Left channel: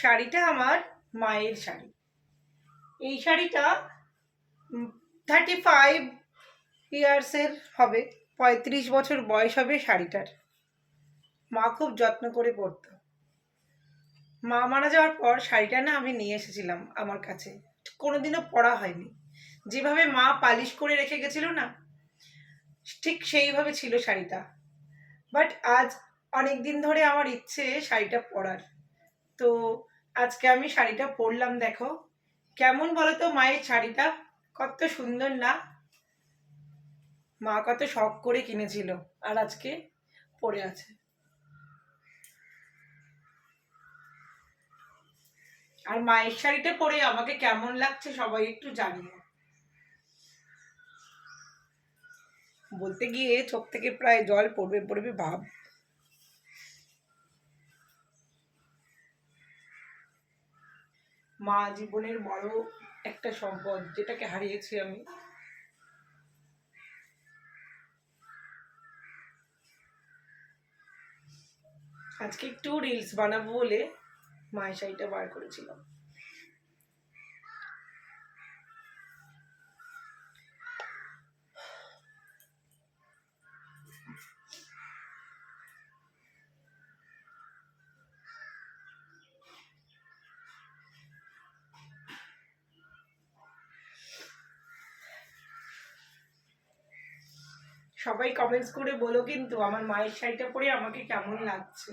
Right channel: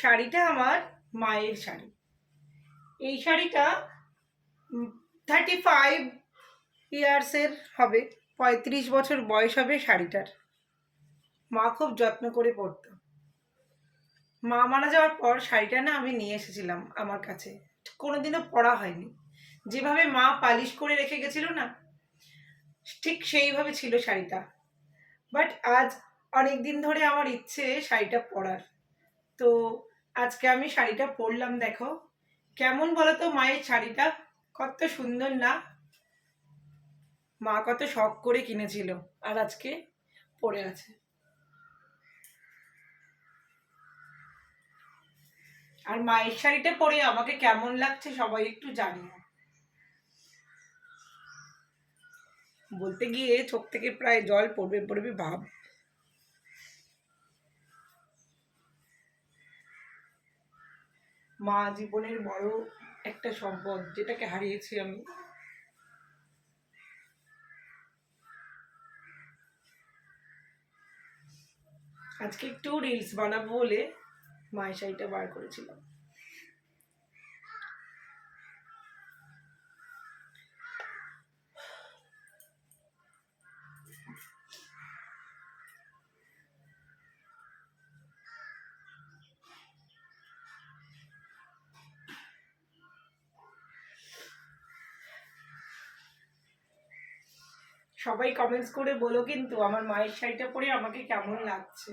শাড়িটা আমার মায়ের শাড়ি। এই শাড়িটা 35 ইয়ার্সের হবে, 35 বছর বয়স হবে শাড়িটার। মা খুব যত্ন করে পরতো। মা মারা যাওয়ার পর শাড়িটা না আমি নিয়ে এসেছিলাম আমার কাছে, কোনোদিনও পরা হয়নি। যেভাবে মা পালিশ করে রেখে গেছিল না, ঠিক সেইভাবে ছিল শাড়িটা। বাট আজ অনেক দিন ধরে আমার ইচ্ছে শাড়িটা পরার, তো আজকে আমি শাড়িটা পরলাম। দেখো কেমন বলো তো, মায়ের শাড়িটা কত সুন্দর না? মা কত শখ করে কিনেছিল, আর আজকে পরে আছে। আর মায়ের শাড়িটা পরে আমাকে কেমন লাগছে সবাই একটু জানিও। বলতে গিয়ে চোখ থেকে প্রায় জল পড়বে পড়বে ভাব। মা জীবনের বড় একটা সম্পদ, যেটাকে হারিয়েছি আমি। আজকে একটু রিলস বানাবো বলে মায়ের শাড়িটা বার করেছিলাম। সবাই কমেন্টস করে বলো কিন্তু আমার মায়ের শাড়িটা পরে আমাকে কেমন লাগছে।